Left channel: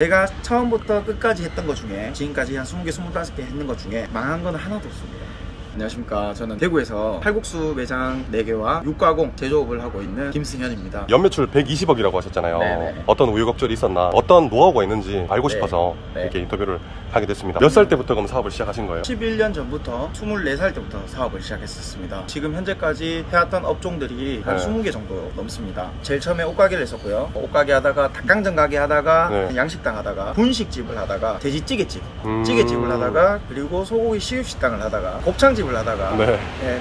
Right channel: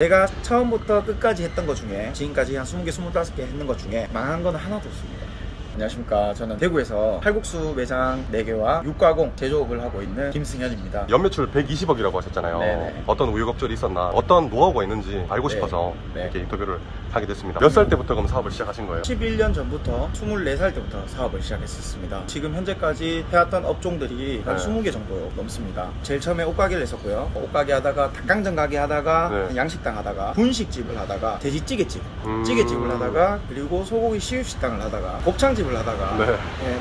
제가 처음부터 끝까지 했던 것 중에 지금까지 한 20개, 25개 했는 것 중에 망한 건 하나도 없습니다. 안녕하십니까. 저는 대구에서 칼국수 매장 4개와 육가공 제조업을 하고 있는 김승현입니다. 연매출 120억이라고 하셨잖아요. 네네. 어떤 우여곡절이 있었나, 어떤 노하우가 있는지 알고 싶어서 이렇게 인터뷰를 하게 됐습니다. 몇 살 때부터 그럼 사업을 시작하신 거예요? 11년 전부터 24살 때부터 사업을 시작했었습니다. 지금 현재까지 해왔던 업종들이 한 20개 정도 넘습니다. 제일 처음에 옷가게를 했었고요. 옷가게 하다가 닭강정 가게 하다가 양식당 하다가 분식집을 하다가 돼지찌개집, 찌개집을 하다가 그리고 소고기 시급식당을 하다가 곱창집을 하다가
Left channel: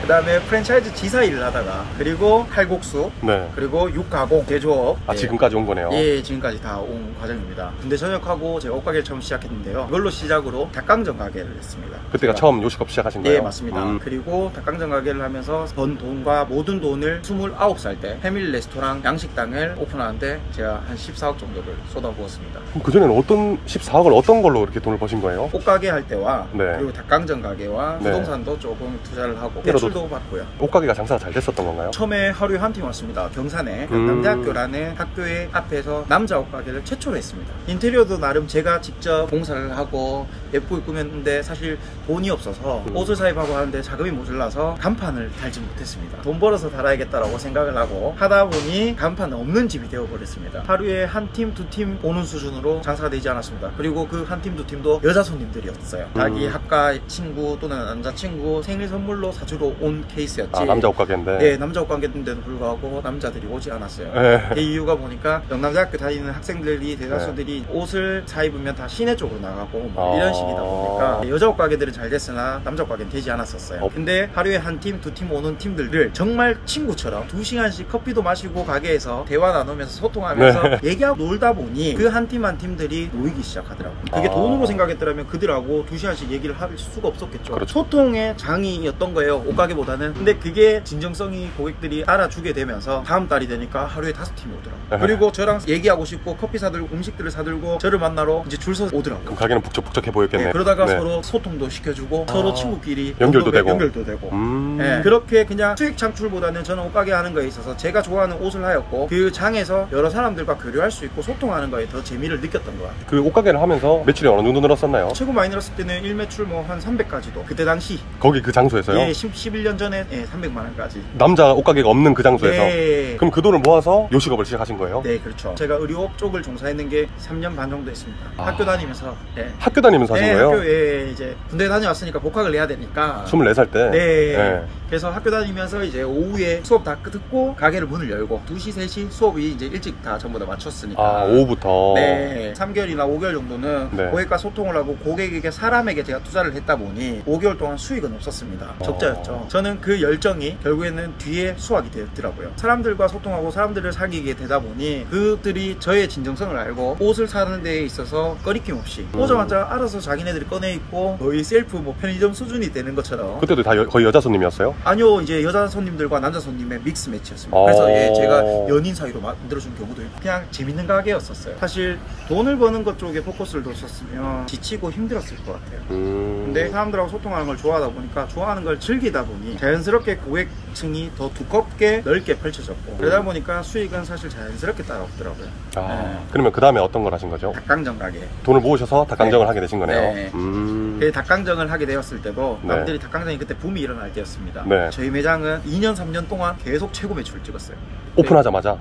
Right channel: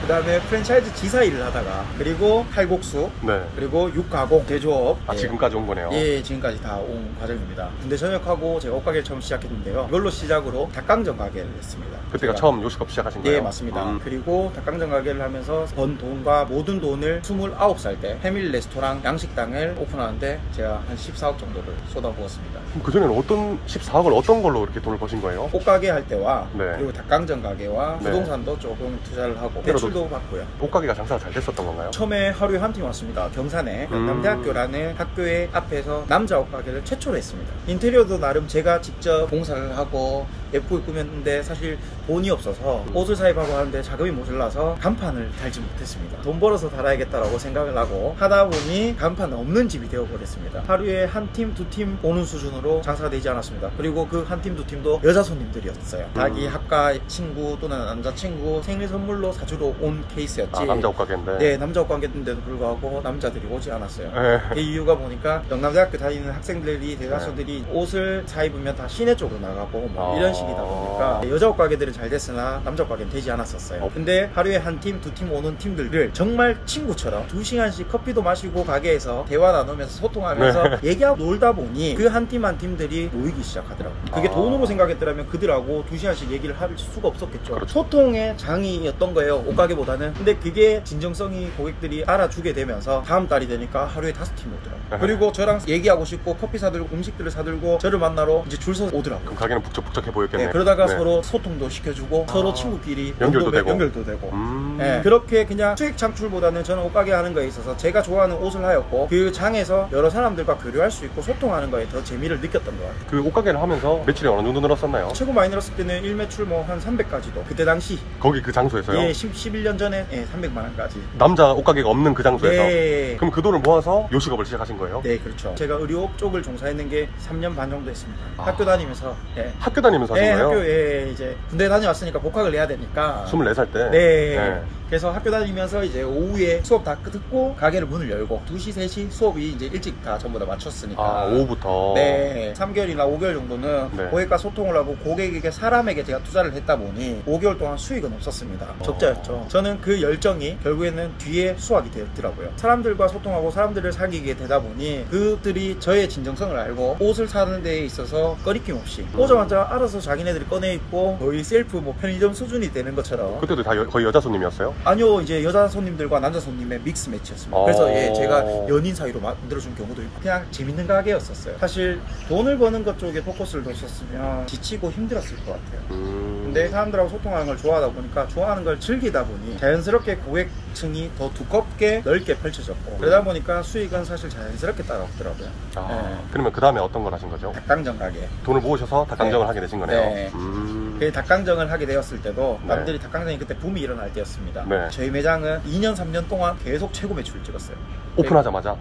그 다음에 프랜차이즈 지사 일을 하다가 그리고 칼국수 그리고 육가공 제조업 지금까지 온 거네요. 예, 지금까지 다 온 과정입니다. 군대 전역하고 제가 옷가게를 처음 시작했는데요. 이걸로 시작으로 닭강정 가게를 했습니다. 그때가 처음 요식업 시작하신 거예요? 예, 맞습니다. 그리고 닭강정 가게를 하면서 번 돈과 모든 돈을 29살 때 패밀리 레스토랑 양식당을 오픈하는데 제가 한 14억 정도를 쏟아부었습니다. 그럼 그전에는 어떤 14억을 어떤 걸로 이렇게 돈을 버신 거예요? 옷가게 할 때와 그리고 닭강정 가게와 부동산도 조금 투자를 하고 대출도 받고요. 옷가게가 장사가 잘 됐었던 건가요? 처음에 하루에 한 팀 왔습니다. 경산에 영남대학교라는 학교의 앞에서 남자 옷가게를 최초로 했습니다. 인테리어도 나름 제가 직접 공사를 하고 예쁘게 꾸몄는데 사실 돈이 없어서 옷을 사입하고 하는데 자금이 모자라서 간판을 달지 못했습니다. 돈 벌어서 달아야겠다라고 생각을 하고 하다 보니 간판 없는 집이 되어버렸습니다. 하루에 한 팀, 두 팀 오는 수준으로 장사가 되지 않았습니다. 그리고 그 한 팀, 두 팀도 여자 손님들이었어요. 자기 학과 친구 또는 남자친구 생일 선물로 사주러 온 케이스였지. 남자 옷가게인데? 네, 남자 옷가게인데도 불구하고 남자들이 오지 않았어요. 그 이유가 보니까 영남대학교 다니는 학생들이 대다수들이 옷을 사입으면 다 시내 쪽으로 나가고 막 이런 식이다 보니까 여자 옷가게들은 잘 됐으나 남자 옷가게는 되지 않았었어요. 근데 하루에 한 팀, 두 팀 오는 팀들을 정말 친구처럼 2시간씩 커피도 마시고 가게에서 대화 나누면서 소통하면서 얘기하고 놀다 보니 그 한 팀 한 팀들이 모이기 시작하더라고요. 그게 돈으로 생각했더라면 그들하고 2시간씩 얘기를 할 수가 없었겠죠. 소통의 장이었던 거예요, 옷가게보다는. 근데 그게 진정성이 고객들이 알아주게 되면서 다음 달이 되니까 하루에 5팀이 오더라고요. 그리고 저랑 얘기하고 싶고 커피 사들고 음식들을 사들고 저를 만나러 이제 줄 서서 오더라고요. 그럼 가게는 북적북적해 보였겠네요. 그러다가 서로 소통도 시켜주고 서로 친구끼리 연결도 되고 그렇게 그냥 수익 창출보다는 저는 옷가게 하는 거에 있어서 제가 좋아하는 옷을 하였고 그 장에서 여러 사람들과 교류할 수 있고 소통하는 거에 더 재미를 느꼈던 것 같아요. 그 옷가게를 하면서 매출이 어느 정도 늘었었나요? 최고 많이 늘었을 때는 일매출 뭐 한 300까지도 그때 당시 거기 그 장소에서요? 예, 11년 전에 300만원까지. 남자 옷가게가 없는 그 장소에서? 그럼 그 돈을 모아서 요식업을 시작하신 거예요? 네, 그렇죠. 제가 의료업 쪽을 종사했는 게 3년 반 정도 했습니다. 학교 다니면서 학교 다니면서 하신 거예요? 학교에 이제 군대 다녀왔으니까 복학을 해야 되니까 24살 때? 그래서 학교 다니면서 이제 오후에 수업 다 듣고 가게를 문을 열고 2시, 3시 수업이 이제 일찍 다 전부 다 맞췄으니까 오후부터? 3개월이나 5개월 정도는 고객과 소통을 하고 고객에게 사람에게 제가 투자를 했다 보니 5개월 동안 수익은 없었습니다. 적자였죠. 저는 그 열정이 결국에는 뒤에 수확이 되었더라고요. 사람들과 소통하고 사람들을 사귀게 되다 보니 그들이 저의 진정성을 알고 옷을 사는 데에 있어서 꺼리낌 없이 오자마자 알아서 자기네들이 꺼내 입고 거의 셀프 편의점 수준이 되는 것처럼. 그때도 다 거의 여자 손님이었어요? 아니요, 이제 여자 손님들과 남자 손님의 믹스 매치였습니다. 그래서 제가 연인 사이로 만들어준 경우도 있고 그냥 재밌는 가게였었어요. 사실 돈을 버는 것 쪽에 포커스를 뒀었으면 지치고 힘들었을 것 같아요. 근데 사람들하고 소통하는 걸 좋아하다 보니까 좋아하는 걸 즐기다 보니 자연스럽게 고객층이 더 두껍게 넓게 펼쳐졌고 그러다 보니까 수익은 사실 자연스럽게 따라오더라고요. 그러면 그 다음에 어떤 걸 하신 거죠? 닭강정 가게. 돈을 모으셔서 닭강정을 하게 되신 거네요? 그 닭강정을 하게 되었을 때도 남들이 닭강정이 그때 붐이 일어날 때였습니다. 저희 매장은 2년 3년 동안 계속 최고 매출을 찍었어요. 오픈하자마자?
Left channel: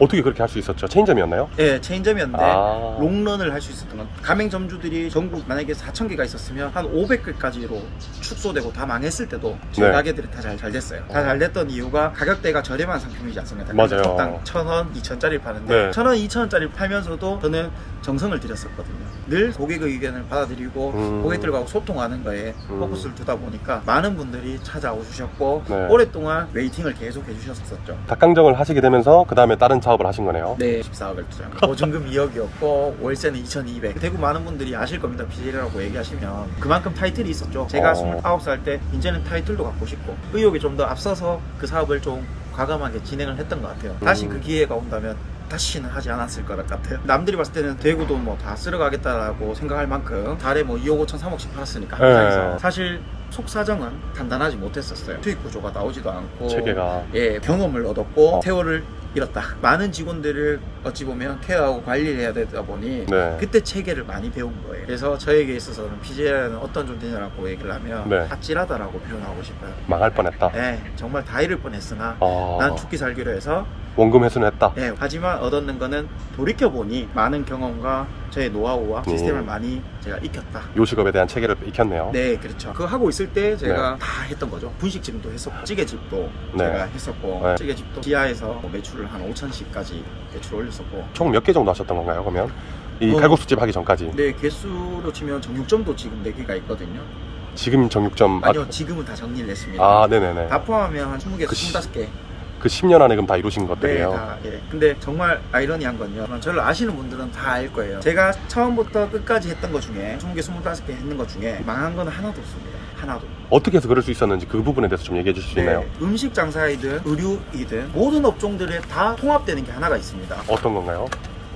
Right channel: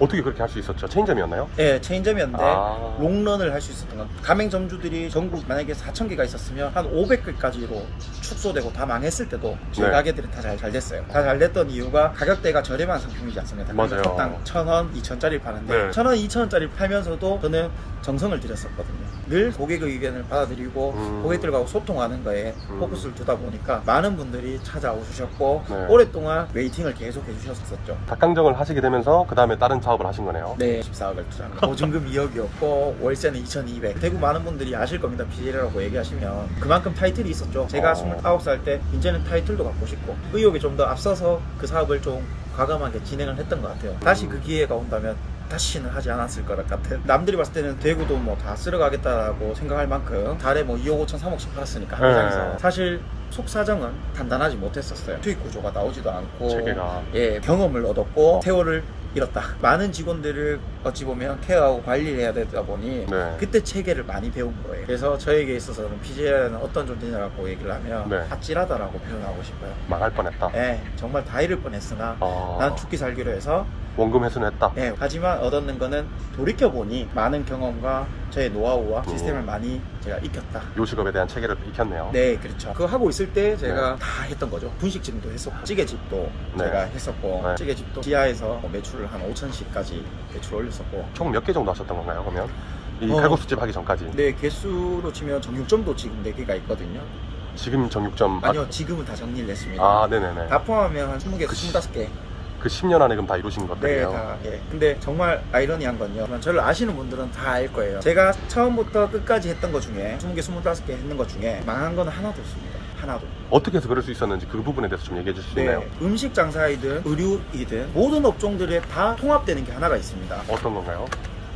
어떻게 그렇게 할 수 있었죠? 체인점이었나요? 네, 체인점이었는데 롱런을 할 수 있었던 건 가맹점주들이 전국 만약에 4,000개가 있었으면 한 500개까지로 축소되고 다 망했을 때도 저희 가게들이 다 잘 됐어요. 다 잘 됐던 이유가 가격대가 저렴한 상품이지 않습니까? 맞아요. 컵당 1,000원, 2,000원짜리 파는데 1,000원, 2,000원짜리 팔면서도 저는 정성을 들였었거든요. 늘 고객의 의견을 받아들이고 고객들과 소통하는 거에 포커스를 두다 보니까 많은 분들이 찾아오셨고 오랫동안 웨이팅을 계속 해주셨었죠. 닭강정을 하시게 되면서 그 다음에 다른 사업을 하신 거네요? 네, 14억을 투자한 거예요. 보증금 2억이었고 월세는 2,200. 대구 많은 분들이 아실 겁니다. BJ라고 얘기하시면 그만큼 타이틀이 있었죠. 제가 29살 때 이제는 타이틀도 갖고 싶고 의욕이 좀 더 앞서서 그 사업을 좀 과감하게 진행을 했던 것 같아요. 다시 그 기회가 온다면 다시는 하지 않았을 것 같아요. 남들이 봤을 때는 대구도 뭐 다 쓸어가겠다라고 생각할 만큼 달에 뭐 2억 5천 3억씩 팔았으니까 한 매장에서 사실 속사정은 단단하지 못했었어요. 수익 구조가 나오지도 않고 체계가 경험을 얻었고 세월을 잃었다. 많은 직원들을 어찌 보면 케어하고 관리를 해야 되다 보니 네. 그때 체계를 많이 배운 거예요. 그래서 저에게 있어서는 PJ는 어떤 존재냐라고 얘기를 하면 네. 아찔하다라고 표현하고 싶어요. 망할 뻔했다. 네, 정말 다 잃을 뻔했으나 나는 죽기 살기로 해서 원금 회수는 했다. 네, 하지만 얻었는 거는 돌이켜보니 많은 경험과 저의 노하우와 시스템을 많이 제가 익혔다. 요식업에 대한 체계를 익혔네요. 네, 그렇죠. 그거 하고 있을 때 제가 다 했던 거죠. 분식집도 했었고 찌개집도 제가 했었고 찌개집도 지하에서 매출을 한 5천씩까지 매출을 올렸었고. 총 몇 개 정도 하셨던 건가요, 그러면? 이 칼국수집 하기 전까지? 네, 개수로 치면 정육점도 지금 4개가 있거든요. 지금 정육점? 아니요, 지금은 다 정리를 했습니다. 아, 네네네. 다 포함하면 한 20개, 25개. 그 10년 안에 그럼 다 이루신 것들이에요? 네, 다. 예. 근데 정말 아이러니한 건요. 저를 아시는 분들은 다 알 거예요. 제가 처음부터 끝까지 했던 것 중에 20개, 25개 했는 것 중에 망한 건 하나도 없습니다. 하나도. 어떻게 해서 그럴 수 있었는지 그 부분에 대해서 좀 얘기해 주실 수 있나요? 네, 음식 장사이든 의류이든 모든 업종들에 다 통합되는 게 하나가 있습니다. 어떤 건가요?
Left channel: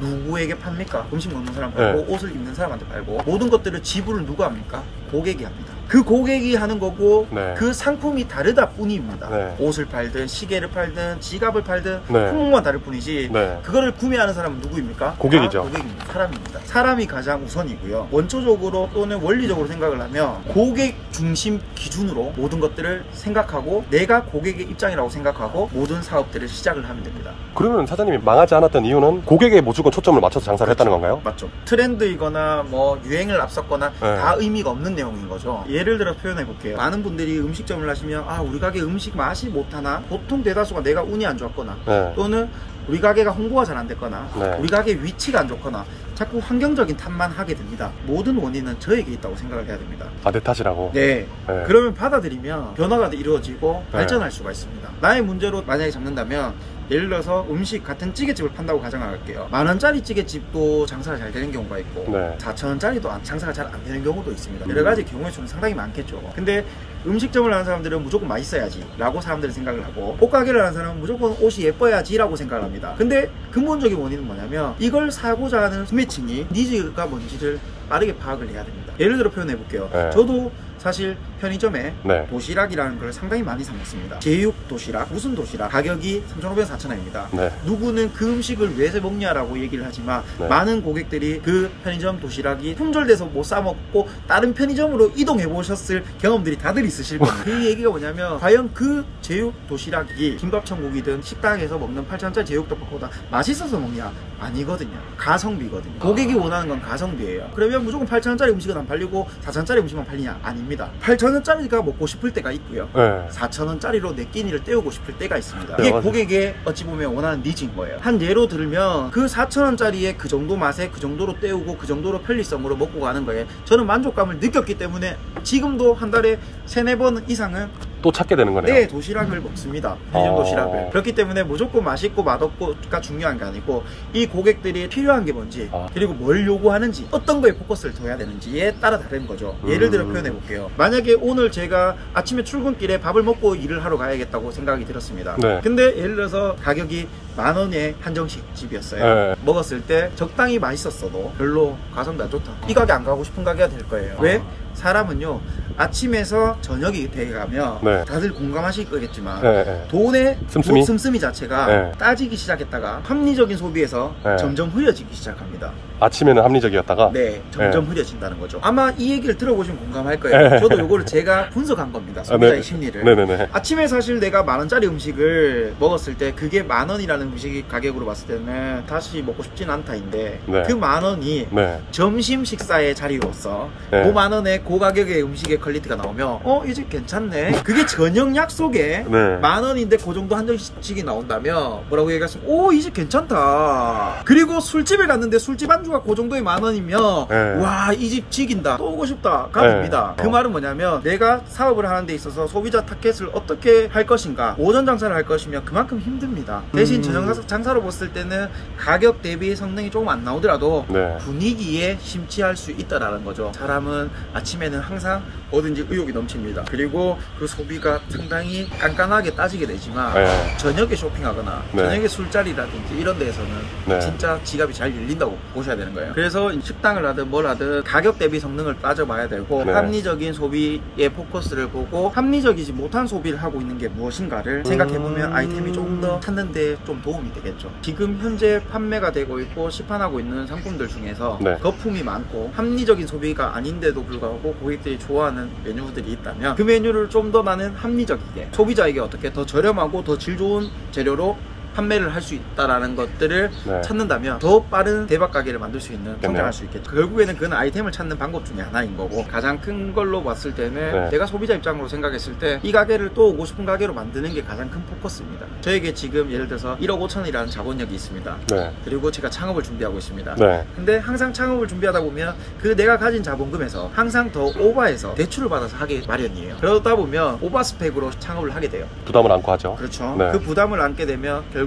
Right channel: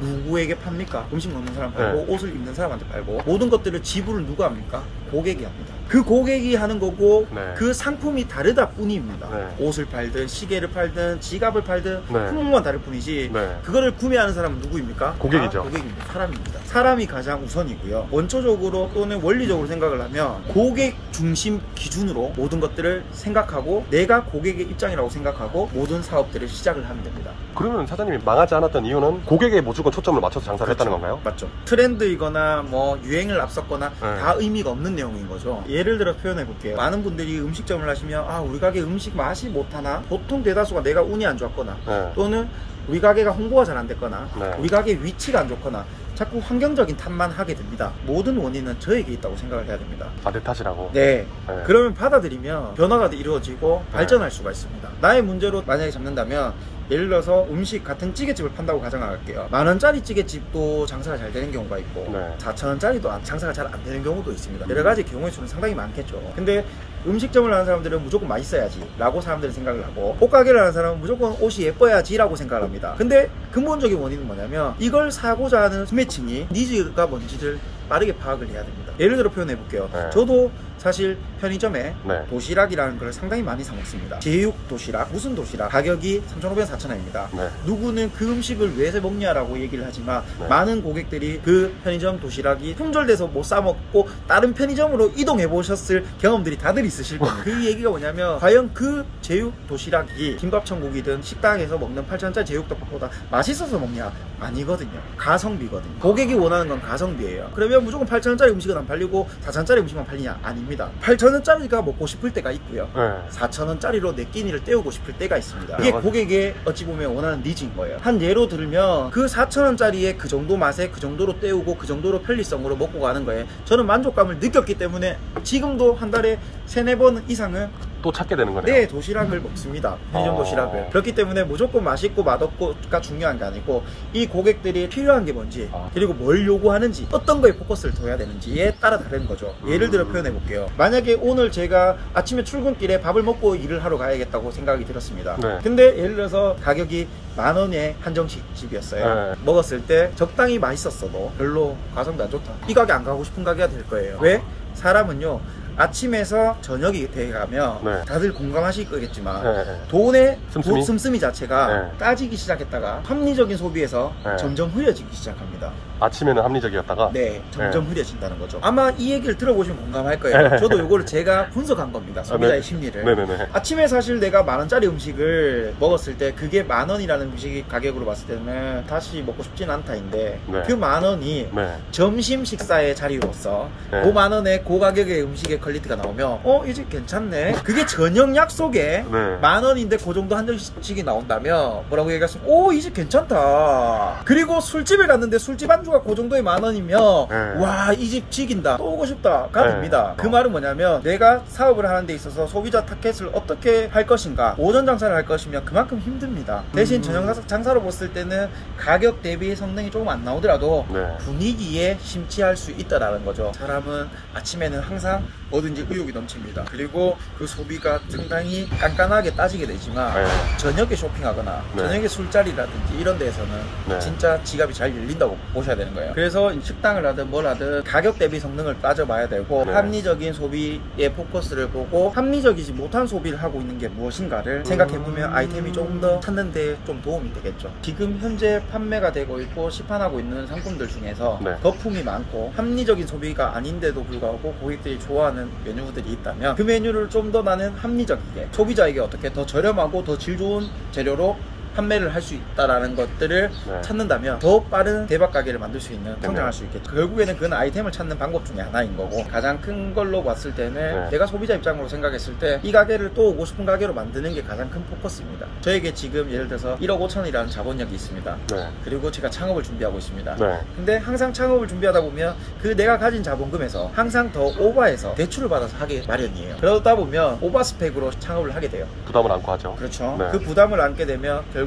누구에게 팝니까? 음식 먹는 사람 팔고 옷을 입는 사람한테 팔고 모든 것들을 지불을 누가 합니까? 고객이 합니다. 그 고객이 하는 거고 그 상품이 다르다 뿐입니다. 옷을 팔든 시계를 팔든 지갑을 팔든 품목만 다를 뿐이지 그거를 구매하는 사람은 누구입니까? 고객이죠. 고객입니다. 사람입니다. 사람이 가장 우선이고요. 원초적으로 또는 원리적으로 생각을 하면 고객 중심 기준으로 모든 것들을 생각하고 내가 고객의 입장이라고 생각하고 모든 사업들을 시작을 하면 됩니다. 그러면 사장님이 망하지 않았던 이유는 고객에 무조건 초점을 맞춰서 장사를 했다는 건가요? 맞죠. 트렌드이거나 뭐 유행을 앞섰거나 다 의미가 없는 내용인 거죠. 예를 들어 표현해 볼게요. 많은 분들이 음식점을 하시면 아 우리 가게 음식 맛이 못하나? 보통 대다수가 내가 운이 안 좋았거나 또는 우리 가게가 홍보가 잘 안 됐거나 우리 가게 위치가 안 좋거나 자꾸 환경적인 탓만 하게 됩니다. 모든 원인은 저에게 있다고 생각을 해야 됩니다. 아, 내 탓이라고? 네. 그러면 받아들이면 변화가 이루어지고 발전할 수가 있습니다. 나의 문제로 만약에 잡는다면 예를 들어서 음식 같은 찌개집을 판다고 가정할게요. 10,000원짜리 찌개집도 장사가 잘 되는 경우가 있고 4,000원짜리도 장사가 잘 안 되는 경우도 있습니다. 여러 가지 경우의 수는 상당히 많겠죠. 근데 음식점을 하는 사람들은 무조건 맛있어야지 라고 사람들은 생각을 하고 옷가게를 하는 사람은 무조건 옷이 예뻐야지 라고 생각을 합니다. 근데 근본적인 원인은 뭐냐면 이걸 사고자 하는 소매층이 니즈가 뭔지를 빠르게 파악을 해야 됩니다. 예를 들어 표현해 볼게요. 저도 사실 편의점에 도시락이라는 걸 상당히 많이 사 먹습니다. 제육 도시락, 무슨 도시락 가격이 3,500원, 4,000원입니다. 누구는 그 음식을 왜 먹냐라고 얘기를 하지만 많은 고객들이 그 편의점 도시락이 품절돼서 못 사 먹고 다른 편의점으로 이동해 보셨을 경험들이 다들 있으실 겁니다. 그 얘기가 뭐냐면 과연 그 제육 도시락이 김밥천국이든 식당에서 먹는 8,000원짜리 제육덮밥보다 맛있어서 먹냐? 아니거든요. 가성비거든요. 고객이 원하는 건 가성비예요. 그러면 무조건 8,000원짜리 음식은 안 팔리고 4,000원짜리 음식만 팔리냐? 아닙니다. 8,000원짜리가 먹고 싶을 때가 있고요. 4,000원짜리로 내 끼니를 때우고 싶을 때가 있습니다. 이게 고객의 어찌 보면 원하는 니즈인 거예요. 한 예로 들면 그 4,000원짜리의 그 정도 맛에 그 정도로 때우고 그 정도로 편리성으로 먹고 가는 거예요. 저는 만족감을 느꼈기 때문에 지금도 한 달에 3-4번 이상은 또 찾게 되는 거네요. 네, 도시락을 먹습니다. 편의점 도시락을. 그렇기 때문에 무조건 맛있고 맛없고가 중요한 게 아니고 이 고객들이 필요한 게 뭔지 그리고 뭘 요구하는지 어떤 거에 포커스를 둬야 되는지에 따라 다른 거죠. 예를 들어 표현해 볼게요. 만약에 오늘 제가 아침에 출근길에 밥을 먹고 일을 하러 가야겠다고 생각이 들었습니다. 근데 예를 들어서 가격이 10,000원의 한정식 집이었어요. 먹었을 때 적당히 맛있었어도 별로 가성비 안 좋다. 이 가게 안 가고 싶은 가게가 될 거예요. 왜? 사람은요 아침에서 저녁이 돼가면 다들 공감하실 거겠지만 돈의 씀씀이 자체가 따지기 시작했다가 합리적인 소비에서 점점 흐려지기 시작합니다. 아침에는 합리적이었다가 점점 흐려진다는 거죠. 아마 이 얘기를 들어보시면 공감할 거예요. 저도 이거를 제가 분석한 겁니다. 소비자의 심리를. 아침에 사실 내가 10,000원짜리 음식을 먹었을 때 그게 10,000원이라는 음식이 가격으로 봤을 때는 다시 먹고 싶진 않다인데 그 10,000원이 점심 식사의 자리로서 그 10,000원에 그 가격의 음식의 퀄리티가 나오면 이 집 괜찮네. 그게 저녁 약속에 10,000원인데 그 정도 한정식이 나온다면 뭐라고 얘기하시면 이 집 괜찮다. 그리고 술집에 갔는데 술집 안주가 그 정도의 10,000원이면 와 이 집 지긴다 또 오고 싶다 가 됩니다. 그 말은 뭐냐면 내가 사업을 하는 데 있어서 소비자 타겟을 어떻게 할 것인가. 오전 장사를 할 것이면 그만큼 힘듭니다. 대신 저녁 장사로 봤을 때는 가격 대비 성능이 조금 안 나오더라도 분위기에 심취할 수 있다라는 거죠. 사람은 아침에는 항상 뭐든지 의욕이 넘칩니다. 그리고 그 소비가 상당히 깐깐하게 따지게 되지만 저녁에 쇼핑하거나 저녁에 술자리라든지 이런 데에서는 진짜 지갑이 잘 열린다고 보셔야 되는 거예요. 그래서 식당을 하든 뭘 하든 가격 대비 성능을 따져봐야 되고 네. 합리적인 소비에 포커스를 보고 합리적이지 못한 소비를 하고 있는 게 무엇인가를 생각해보면 아이템이 조금 더 찾는 데 좀 도움이 되겠죠. 지금 현재 판매가 되고 있고 시판하고 있는 상품들 중에서 네. 거품이 많고 합리적인 소비가 아닌데도 불구하고 고객들이 좋아하는 메뉴들이 있다면 그 메뉴를 좀 더 많은 합리적이게 소비자에게 어떻게 더 저렴하고 더 질 좋은 재료로 판매를 할 수 있다라는 것들을 네. 찾는다면 더 빠른 대박 가게를 만들 수 있는, 성장할 네. 수 있겠죠. 결국에는 그는 아이템을 찾는 방법 중에 하나인 거고, 가장 큰 걸로 봤을 때는 네. 내가 소비자 입장으로 생각했을 때 이 가게를 또 오고 싶은 가게로 만드는 게 가장 큰 포커스입니다. 저에게 지금 예를 들어서 1억 5천이라는 자본력이 있습니다. 네. 그리고 제가 창업을 준비하고 있습니다. 네. 근데 항상 창업을 준비하다 보면 그 내가 가진 자본금에서 항상 더 오버해서 대출을 받아서 하기 마련이에요. 그러다 보면 오버스펙으로 창업을 하게 돼요. 부담을 안고 하죠. 그렇죠. 네. 그 부담을 안게 되면 결국에는